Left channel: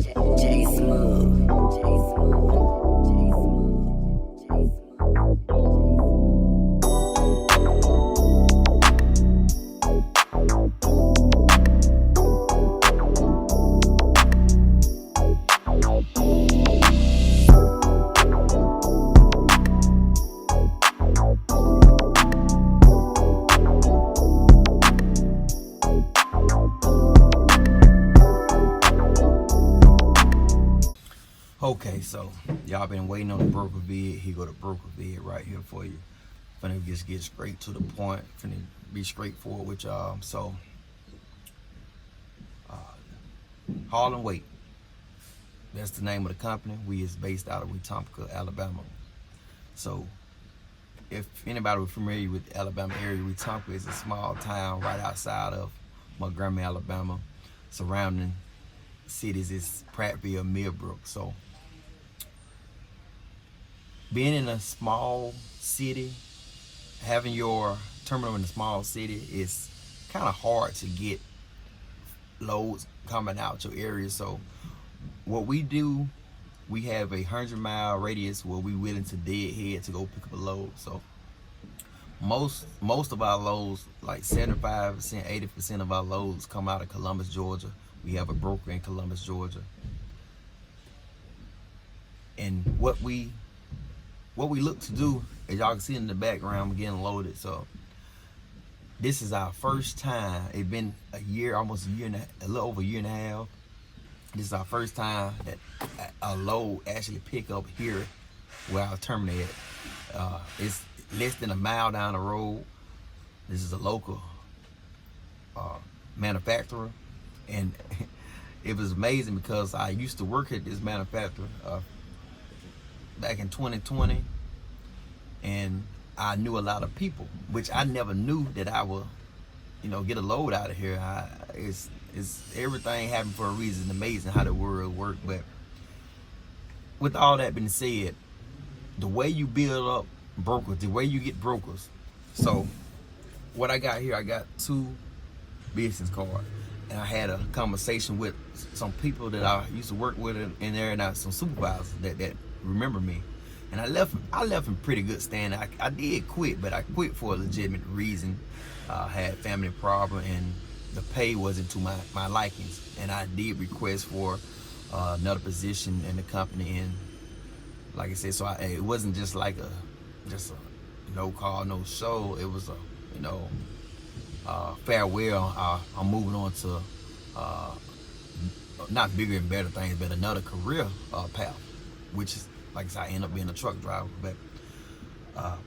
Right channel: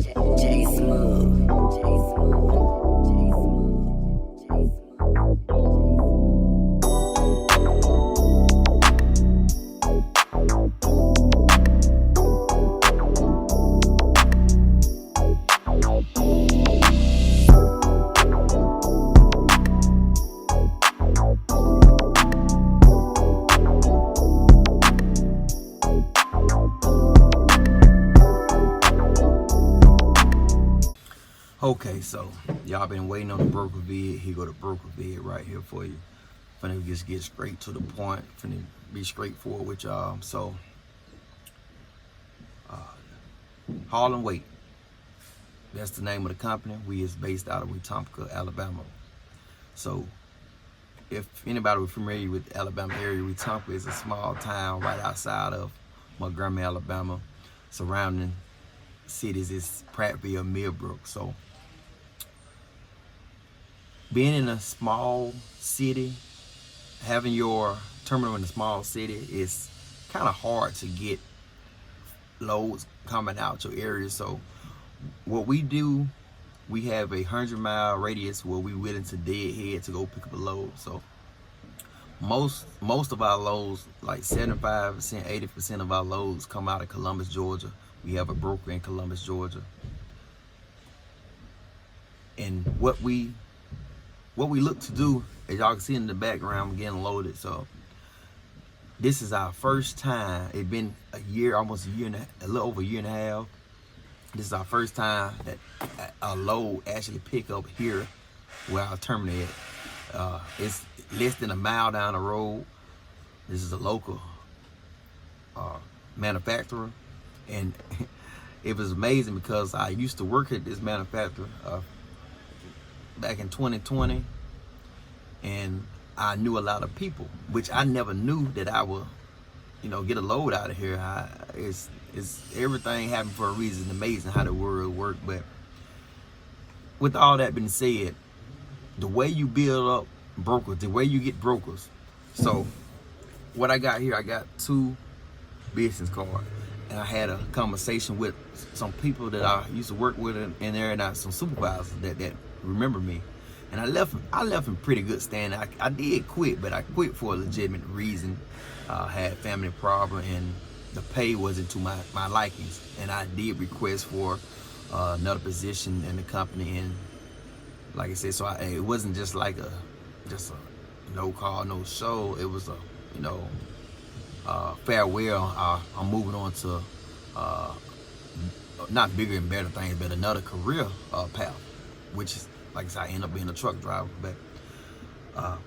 J Smooth. Okay, so y'all been waiting on the broker vid. Here go the broker vid right here for you. Finna just get straight to the point. Finna be straightforward with y'all. So, Harlan Wait. That's the name of the company. We is based out of Wetumpka, Alabama. So, if anybody was familiar with the Alabama area, Wetumpka is a small town right outside of Montgomery, Alabama. Surrounding cities is Prattville, Millbrook. So, being in a small city, having your terminal in a small city is kind of hard to get loads coming out your area. So what we do, we have a 100-mile radius where we willing to deadhead to go pick up a load. So most of our loads, like 75%, 80% of our loads come out of Columbus, Georgia. We have a broker in Columbus, Georgia. And what we look to do, as y'all can see in the background, we're getting loaded. So this is our first time. It's been a year, almost a year and a little over a year and a half. This is our first time that a load actually pick up here where our terminal is. It's less than a mile down the road. This is a local manufacturer, and it was amazing because I used to work at this manufacturer back in 2020, and I knew a lot of people, which I never knew that I would, get a load out of here. It's everything happened for a reason. Amazing how the world works. But with all that being said, the way you build up brokers, the way you get brokers. So what I got here, I got 2 business cards, and I had a conversation with some people that I used to work with in there, and some supervisors that remember me, and I left in pretty good standing. I did quit, but I quit for a legitimate reason. Had family problem, and the pay wasn't to my likings, and I did request for another position in the company. And like I said, so it wasn't just like a no call, no show. It was a farewell. I'm moving on to not bigger and better things, but another career path, which is, like I said, I end up being a truck driver. But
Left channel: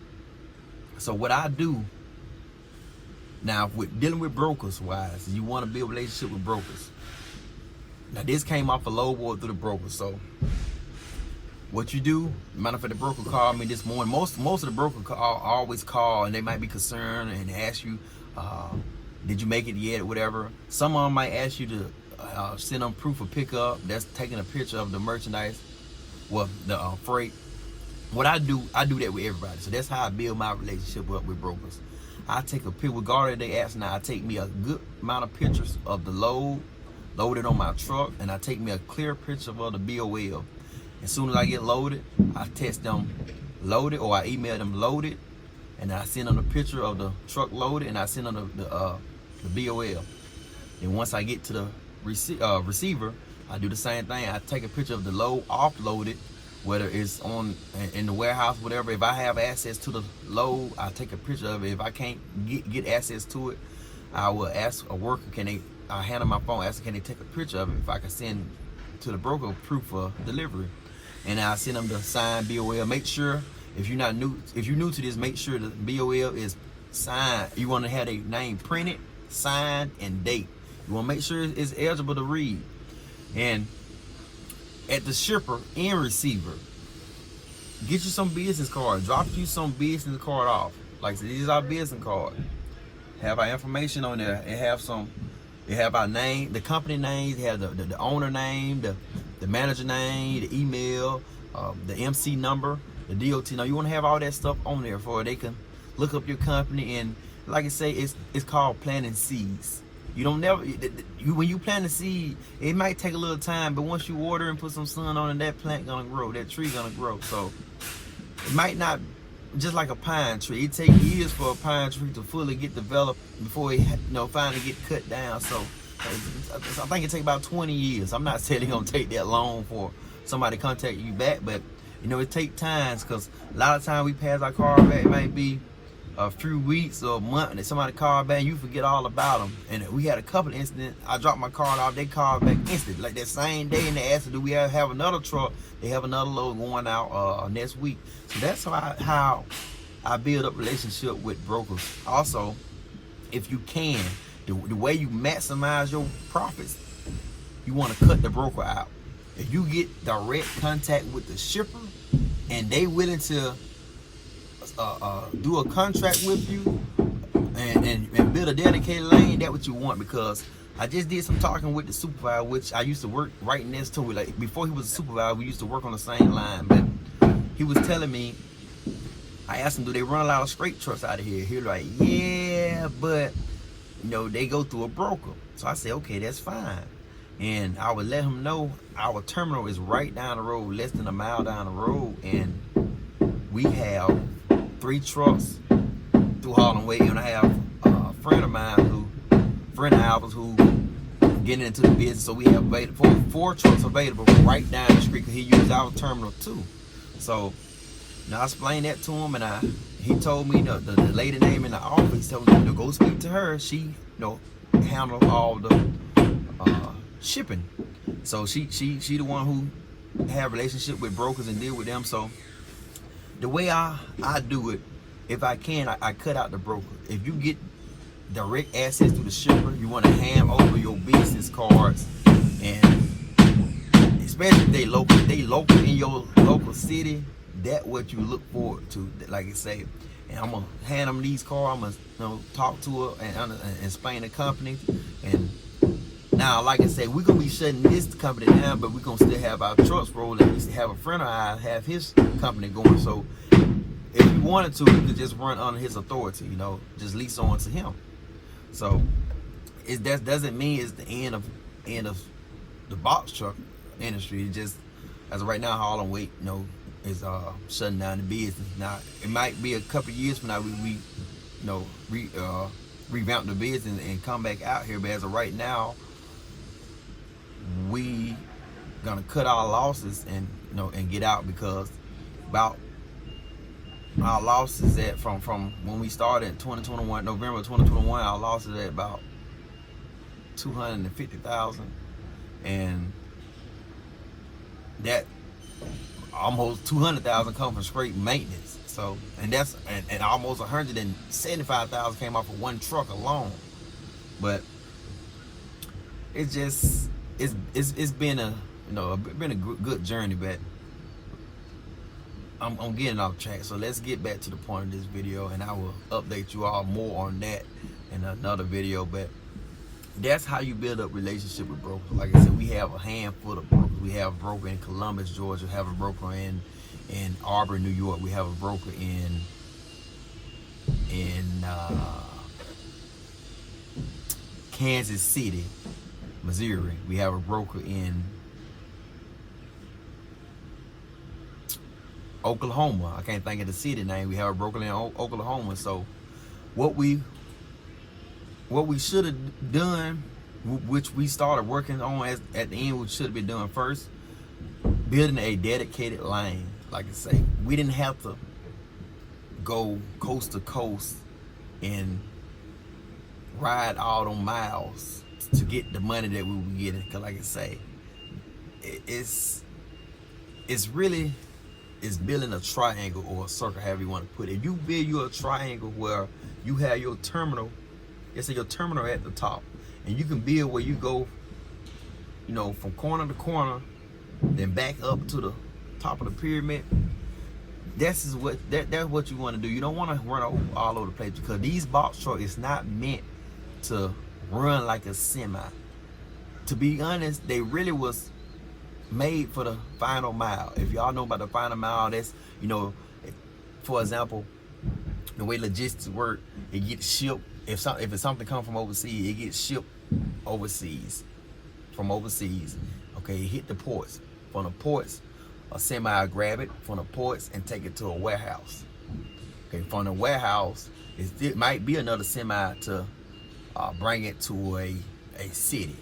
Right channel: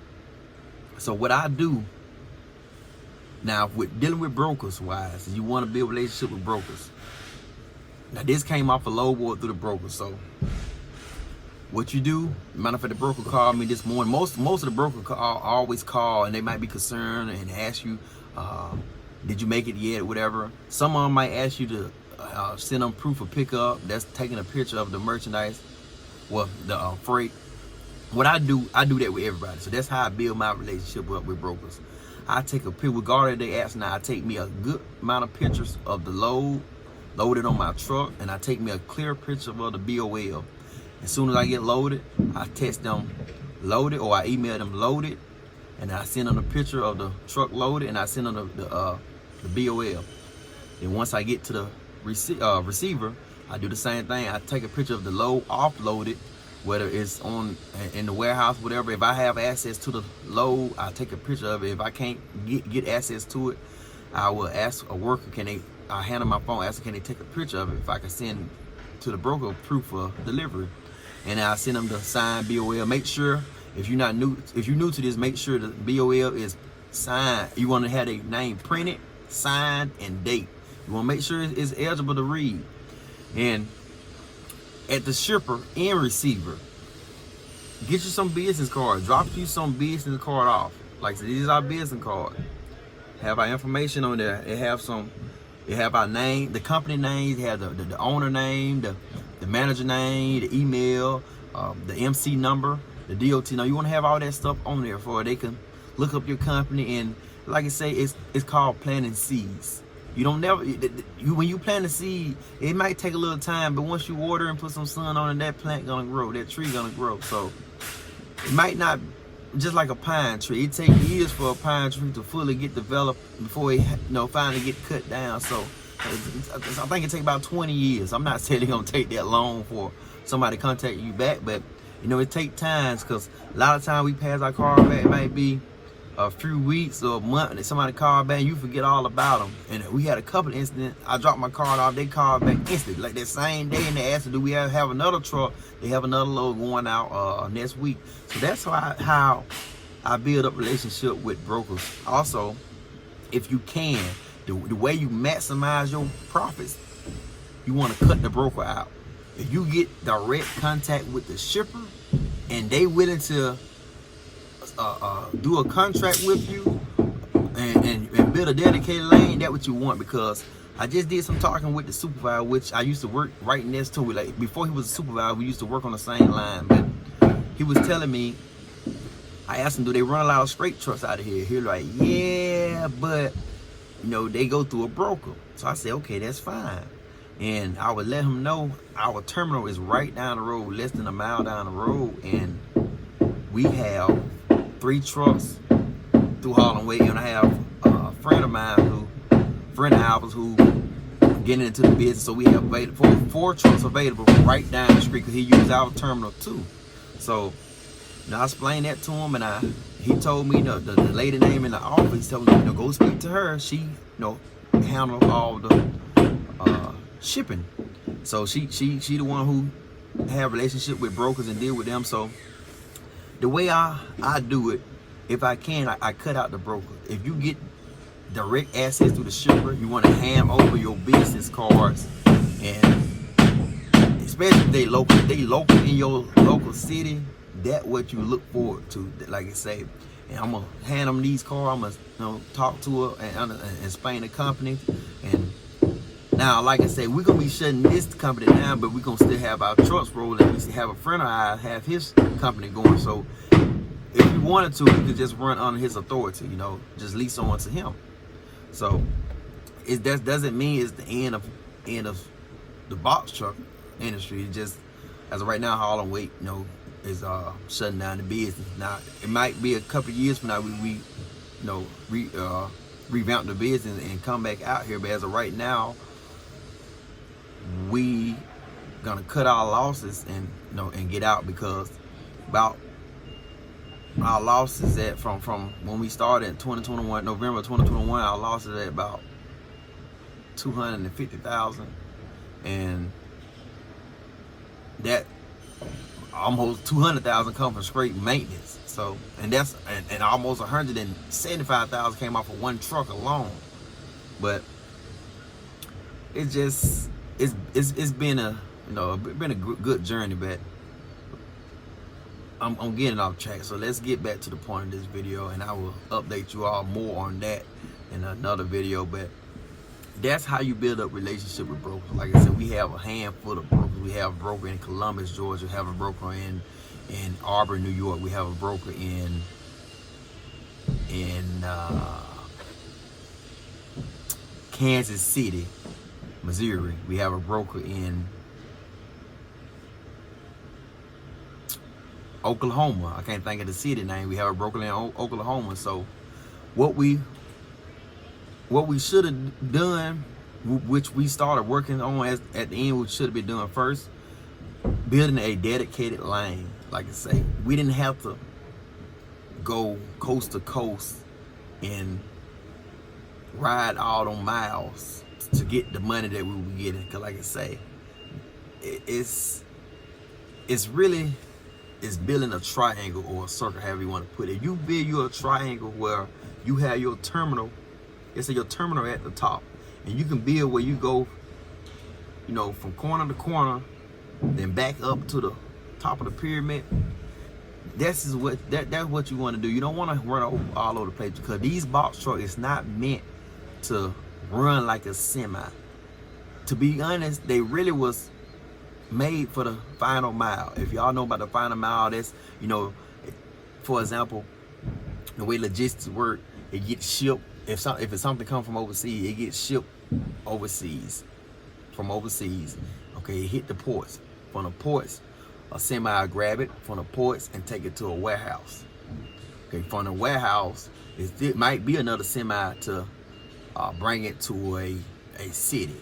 so what I do now with dealing with brokers wise, you want to build a relationship with brokers. Now this came off a load board through the broker. So what you do, matter of fact, the broker called me this morning. Most of the brokers always call, and they might be concerned and ask you, did you make it yet, or whatever. Some of them might ask you to send them proof of pickup. That's taking a picture of the merchandise, well, the freight. What I do that with everybody. So that's how I build my relationship up with brokers. I take a picture, regardless they ask now, I take me a good amount of pictures of the load loaded on my truck, and I take me a clear picture of the BOL. As soon as I get loaded, I text them loaded, or I email them loaded, and I send them a picture of the truck loaded, and I send them the BOL. And once I get to the receiver, I do the same thing. I take a picture of the load offloaded, whether it's in the warehouse, whatever. If I have access to the load, I take a picture of it. If I can't get access to it, I will ask a worker, I hand them my phone, ask them, can they take a picture of it, if I can send to the broker proof of delivery. And I send them the signed BOL. Make sure, if you're new to this, make sure the BOL is signed. You want to have a name printed, signed, and date. You want to make sure it's eligible to read. And at the shipper and receiver, get you some business cards. Drop you some business card off. Like, so these are our business cards. Have our information on there. It have our name, the company names. It have the owner name, the manager name, the email, the MC number, the DOT. Now you want to have all that stuff on there for they can look up your company. And like I say, it's called planting seeds. You don't never, when you plant a seed, it might take a little time, but once you water and put some sun on it, that plant gonna grow, that tree gonna grow. So it might not, just like a pine tree, it takes years for a pine tree to fully get developed before it, finally get cut down. So I think it takes about 20 years. I'm not saying it's gonna take that long for somebody to contact you back, but it take times, because a lot of times we pass our card back, it might be a few weeks or a month, and somebody called back and you forget all about them. And we had a couple of incidents. I dropped my card off, they called back instantly, like that same day, and they asked, do we have another truck? They have another load going out next week. So that's how I build up relationship with brokers. Also, if you can, the way you maximize your profits, you want to cut the broker out. If you get direct contact with the shipper and they willing to do a contract with you and build a dedicated lane, that's what you want. Because I just did some talking with the supervisor, which I used to work right next to. Like before he was a supervisor, we used to work on the same line. But he was telling me, I asked him, do they run a lot of straight trucks out of here? He was like, yeah, but they go through a broker. So I said, okay, that's fine. And I would let him know our terminal is right down the road, less than a mile down the road, and we have 3 trucks through Harlem Way. And I have a friend of ours who getting into the business, so we have available 4 trucks available right down the street, because he used our terminal too. So I explained that to him, and he told me the lady name in the office, told me go speak to her. She handled all the shipping. So she the one who have relationship with brokers and deal with them. So the way I do it, if I can, I cut out the broker. If you get direct access to the shipper, you want to hand over your business cards, and especially if they local in your local city, that's what you look forward to. Like I say, and I'm gonna hand them these cards. I'm gonna talk to her and explain the company. And now, like I said, we're gonna be shutting this company down, but we're gonna still have our trucks rolling. We have a friend of ours have his company going. So if we wanted to, we could just run under his authority, just lease on to him. So that doesn't mean it's the end of the box truck industry. It just, as of right now, Harlem Weight, is shutting down the business. Now it might be a couple of years from now we revamp the business and come back out here. But as of right now, we gonna cut our losses and get out, because about our losses from when we started in 2021, November 2021, our losses at about 250,000, and that almost 200,000 come from straight maintenance. So and almost 175,000 came off of one truck alone. But it's just it's been a good journey, but I'm getting off track. So let's get back to the point of this video, and I will update you all more on that in another video. But that's how you build up relationship with brokers. Like I said, we have a handful of brokers. We have a broker in Columbus, Georgia. We have a broker in Auburn, New York. We have a broker in Kansas City, Missouri. We have a broker in Oklahoma. I can't think of the city name. We have a broker in Oklahoma. So what we should have done, which we started working on at the end, which should have been done first, building a dedicated lane. Like I say, we didn't have to go coast to coast and ride all them miles to get the money that we were getting. Because like I say, it's building a triangle or a circle, however you want to put it. If you build you a triangle where you have your terminal, let's say your terminal at the top, and you can build where you go, from corner to corner, then back up to the top of the pyramid. That's what you want to do. You don't want to run all over the place, because these box trucks is not meant to run like a semi. To be honest, they really was made for the final mile. If y'all know about the final mile, that's, for example, the way logistics work, it gets shipped. If it's something come from overseas, it gets shipped overseas, from overseas. Okay, it hit the ports. From the ports, a semi will grab it from the ports and take it to a warehouse. Okay, from the warehouse, it might be another semi to bring it to a city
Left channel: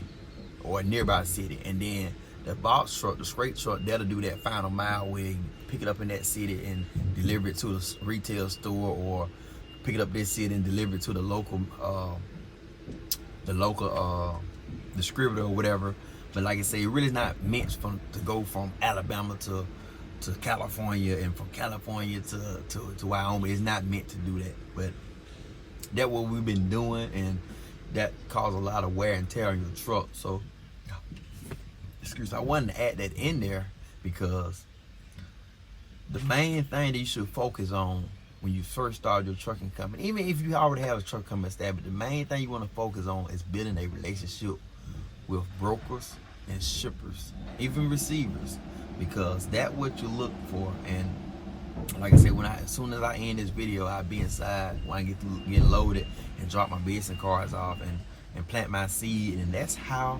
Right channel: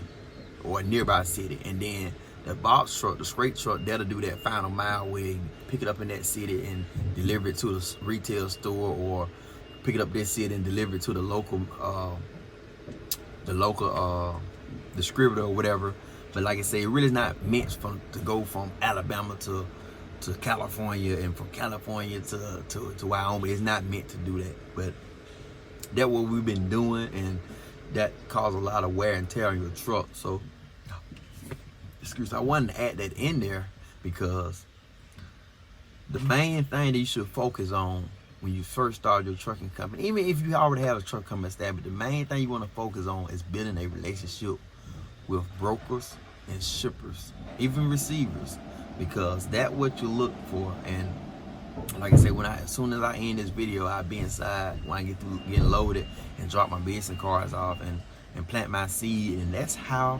or a nearby city, and then the box truck, the straight truck, that'll do that final mile where you pick it up in that city and deliver it to the retail store, or pick it up this city and deliver it to the local distributor or whatever. But like I say, it really is not meant to go from Alabama to California, and from California to Wyoming. It's not meant to do that. But that's what we've been doing, and that caused a lot of wear and tear on your truck. So, excuse me, I wanted to add that in there because the main thing that you should focus on when you first start your trucking company, even if you already have a truck company established, the main thing you want to focus on is building a relationship with brokers and shippers, even receivers, because that's what you look for. And like I said, as soon as I end this video, I'll be inside when I get through getting loaded and drop my business cards off and plant my seed. And that's how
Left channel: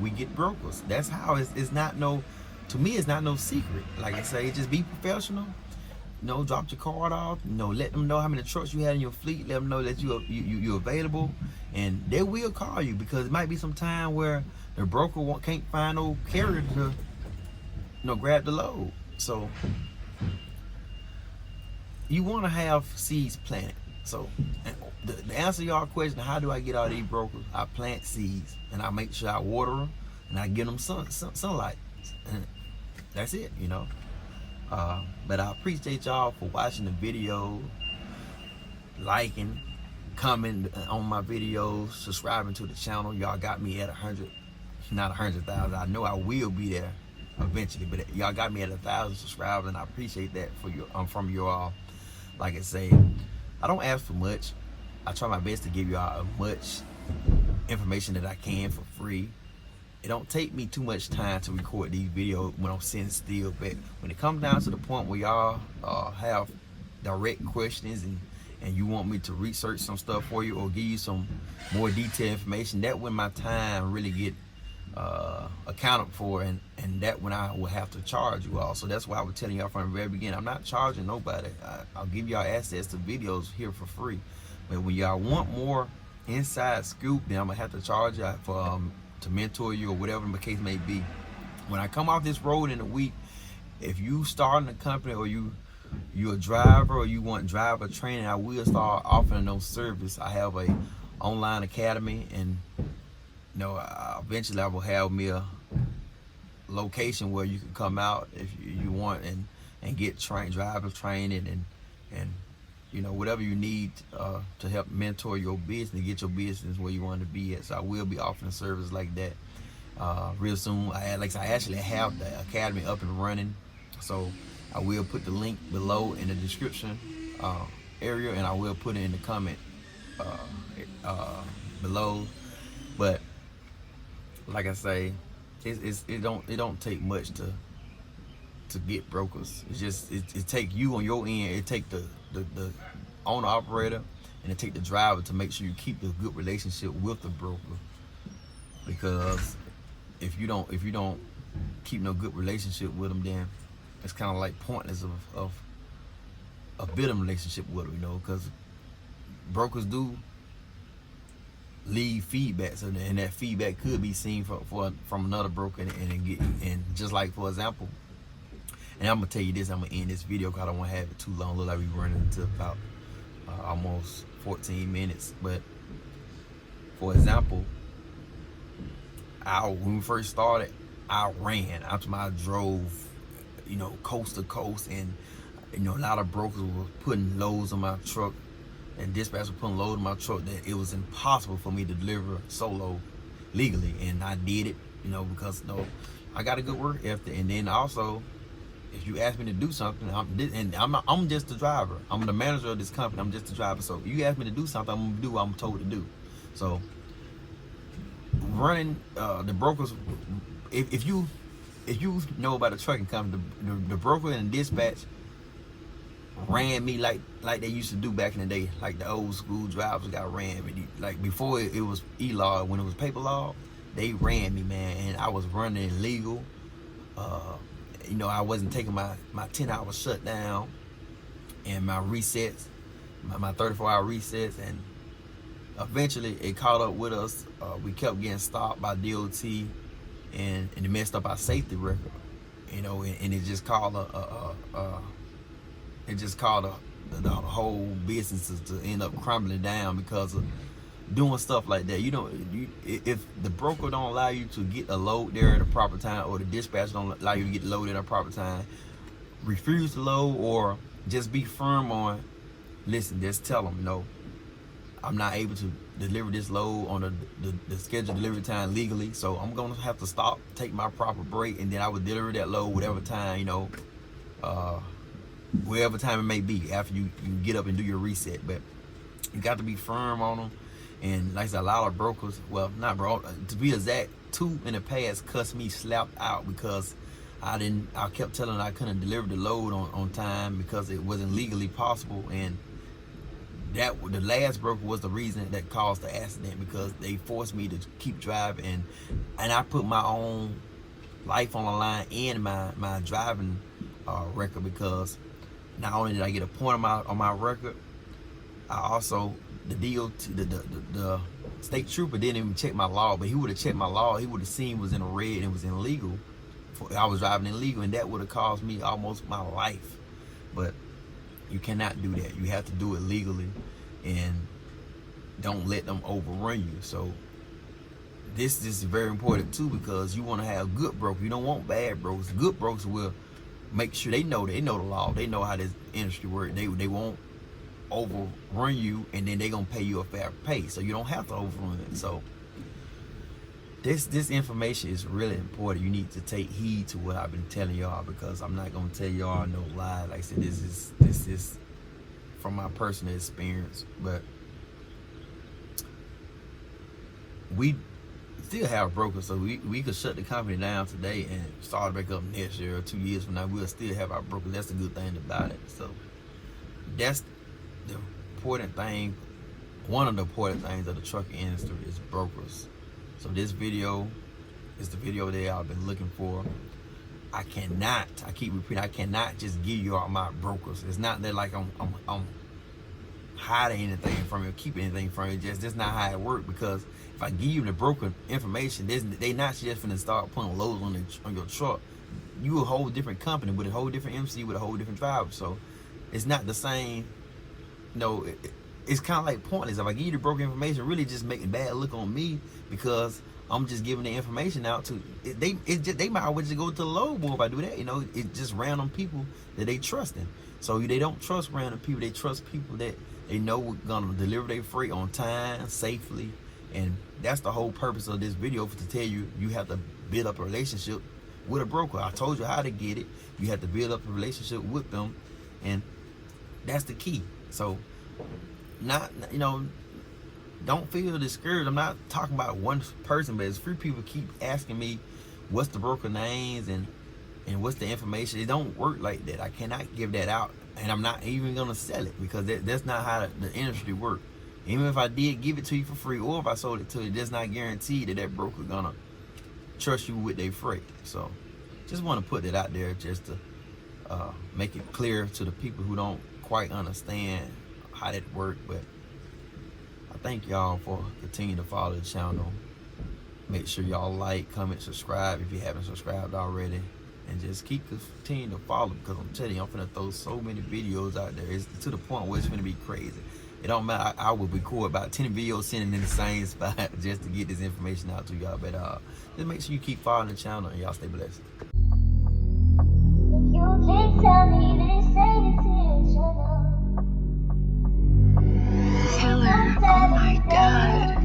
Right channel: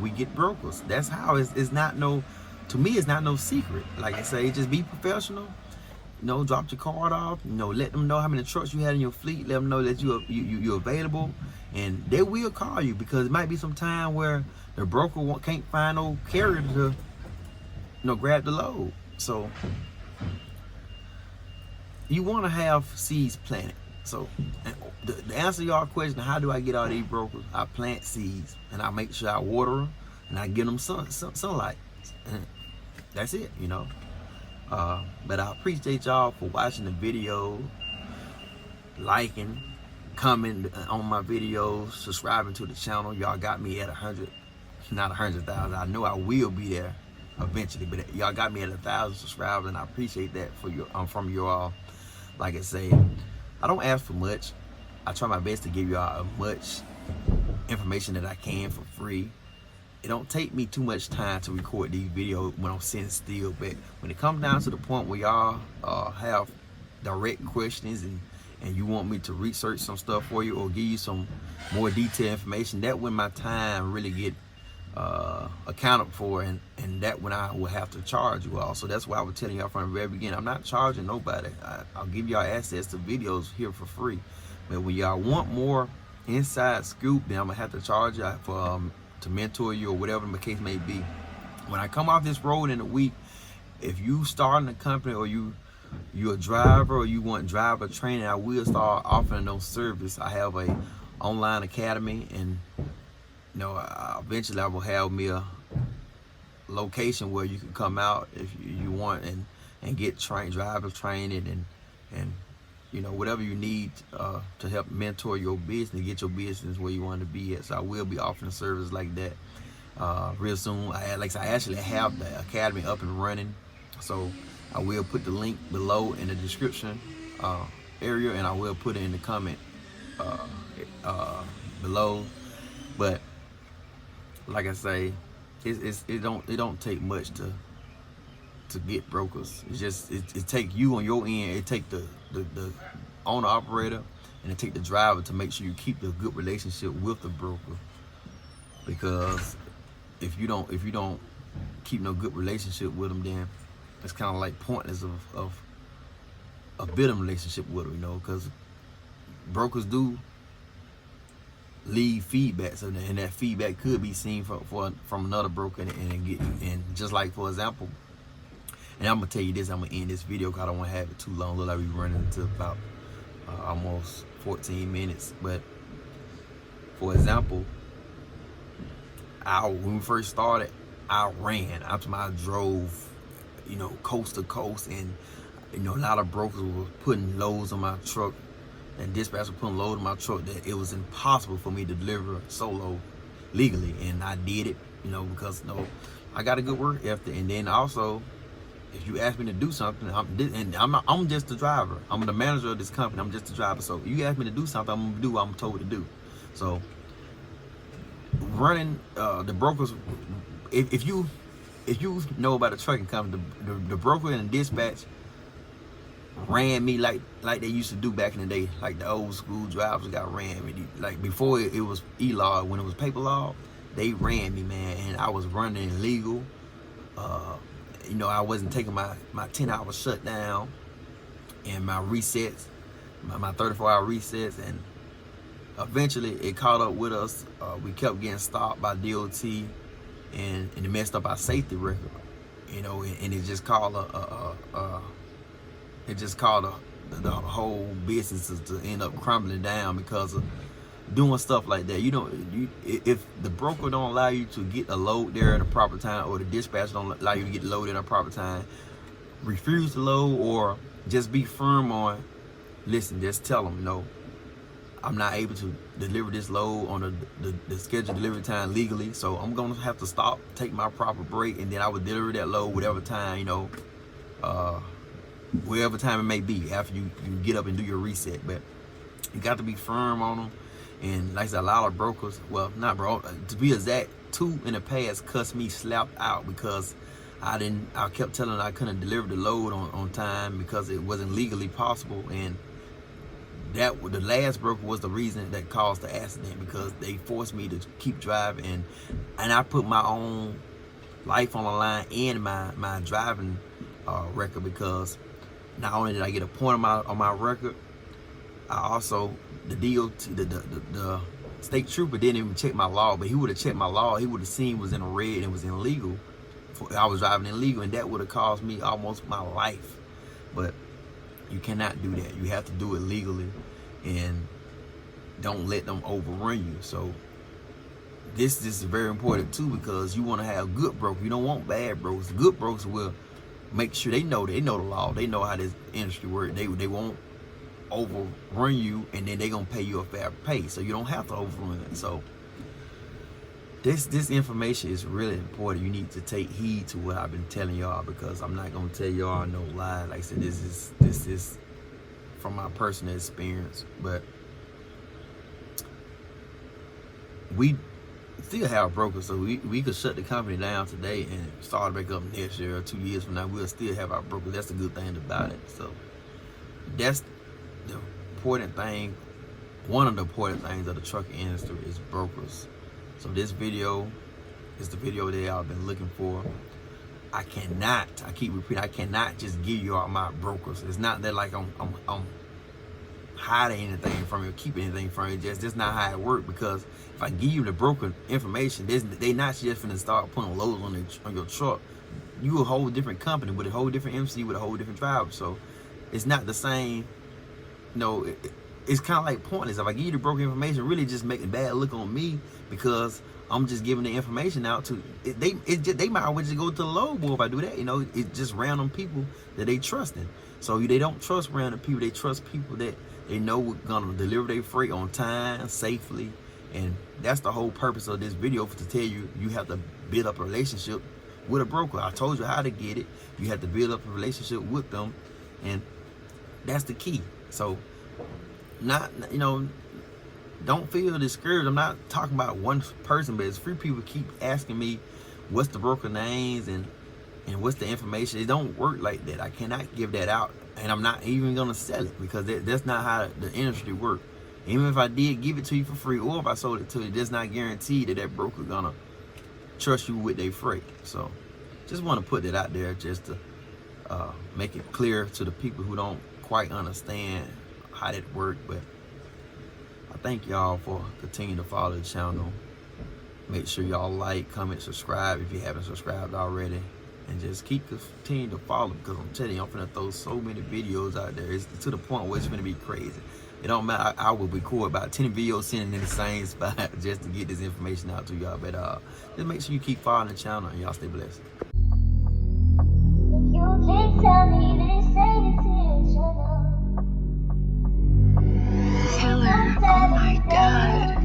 we get brokers. That's how it's not no, to me, it's not no secret. Like I say, just be professional. You know, drop your card off. You know, let them know how many trucks you had in your fleet. Let them know that you're available, and they will call you, because it might be some time where the broker can't find no carrier to, grab the load. So you want to have seeds planted. So the answer to your question, how do I get all these brokers? I plant seeds, and I make sure I water them, and I give them sunlight. And that's it, But I appreciate y'all for watching the video, liking, commenting on my videos, subscribing to the channel. Y'all got me at 100, not 100,000. I know I will be there eventually, but y'all got me at 1,000 subscribers, and I appreciate that from you all. Like I say, I don't ask for much. I try my best to give y'all as much information that I can for free. It don't take me too much time to record these videos when I'm sitting still, but when it comes down to the point where y'all have direct questions and you want me to research some stuff for you or give you some more detailed information, that when my time really get accounted for, and that when I will have to charge you all. So that's why I was telling y'all from the very beginning, I'm not charging nobody. I'll give y'all access to videos here for free. But when y'all want more inside scoop, then I'm gonna have to charge y'all for to mentor you or whatever the case may be. When I come off this road in a week, if you starting a company or you're a driver or you want driver training, I will start offering those service. I have a online academy, and eventually I will have me a location where you can come out if you want and get driver training and whatever you need to help mentor your business, get your business where you want to be at. So I will be offering service like that real soon. I actually have the academy up and running, so I will put the link below in the description area, and I will put it in the comment below. But like I say, it don't take much to get brokers. It's just it take you on your end. It take the owner operator, and it take the driver to make sure you keep the good relationship with the broker. Because if you don't keep no good relationship with them, then it's kind of like pointless of building a relationship with them, because brokers do leave feedback, and that feedback could be seen from another broker, and just like, for example, and I'm gonna tell you this, I'm gonna end this video because I don't want to have it too long. Look like we running into about almost 14 minutes. But for example, when we first started, I drove, coast to coast, and a lot of brokers were putting loads on my truck, and dispatchers were putting loads on my truck that it was impossible for me to deliver solo legally, and I did it, because I got a good work ethic. And then also, if you ask me to do something, I'm just the driver. I'm the manager of this company. I'm just the driver. So you ask me to do something, I'm gonna do what I'm told to do. So running the brokers, if you know about the trucking company, the broker and the dispatch ran me like they used to do back in the day, like the old school drivers got ran me. Like before it was e-law, when it was paper law, they ran me, man, and I was running illegal. You know, I wasn't taking my 10-hour shutdown and my resets, my 34-hour resets, and eventually it caught up with us. We kept getting stopped by DOT, and it messed up our safety record. You know, and it just called the whole business to end up crumbling down because of doing stuff like that. If the broker don't allow you to get a load there at a proper time, or the dispatcher don't allow you to get loaded at a proper time, refuse to load, or just be firm on, listen, just tell them, no, I'm not able to deliver this load on the scheduled delivery time legally, so I'm gonna have to stop, take my proper break, and then I would deliver that load whatever time, you know, wherever time it may be after you get up and do your reset. But you got to be firm on them. And like I said, a lot of brokers, well, not bro, to be exact, 2 in the past cussed me slapped out because I kept telling them I couldn't deliver the load on time because it wasn't legally possible. And the last broker was the reason that caused the accident, because they forced me to keep driving, and I put my own life on the line and my driving record, because not only did I get a point on my record, I also, the DOT, the state trooper didn't even check my law, but he would have checked my law. He would have seen it was in a red and it was illegal. I was driving illegal, and that would have cost me almost my life. But you cannot do that. You have to do it legally, and don't let them overrun you. So this is very important too, because you want to have good brokers. You don't want bad brokers. Good brokers will make sure they know the law. They know how this industry works. They won't overrun you, and then they're gonna pay you a fair pay, so you don't have to overrun it. So this information is really important. You need to take heed to what I've been telling y'all, because I'm not gonna tell y'all no lie. Like I said, this is from my personal experience. But we still have brokers, so we could shut the company down today and start back up next year or 2 years from now. We'll still have our brokers. That's the good thing about it. So that's the important thing. One of the important things of the trucking industry is brokers. So this video is the video that I've been looking for. I keep repeating, I cannot just give you all my brokers. It's not that like I'm hiding anything from you, or keeping anything from you. That's not how it works, because if I give you the broker information, they not just gonna start putting loads on your truck. You a whole different company with a whole different MC with a whole different driver. So it's not the same. No, it's kind of like pointless. If I give you the broker information, really just making bad look on me, because I'm just giving the information out to they might always just go to the load boy if I do that. You know, it's just random people that they trusting. So they don't trust random people. They trust people that they know we're gonna deliver their freight on time, safely. And that's the whole purpose of this video, to tell you you have to build up a relationship with a broker. I told you how to get it. You have to build up a relationship with them, and that's the key. So don't feel discouraged. I'm not talking about one person, but it's few people keep asking me what's the broker names and what's the information. It don't work like that. I cannot give that out, and I'm not even gonna sell it, because that's not how the industry works. Even if I did give it to you for free, or if I sold it to you, that's not guaranteed that broker gonna trust you with their freight. So just want to put that out there, just to make it clear to the people who don't quite understand how that works. But I thank y'all for continuing to follow the channel. Make sure y'all like, comment, subscribe if you haven't subscribed already, and just continue to follow, because I'm telling you, I'm finna throw so many videos out there. It's to the point where it's gonna be crazy. It don't matter. I will record about 10 videos sitting in the same spot just to get this information out to y'all. But just make sure you keep following the channel, and y'all stay blessed. Killer. Oh my God.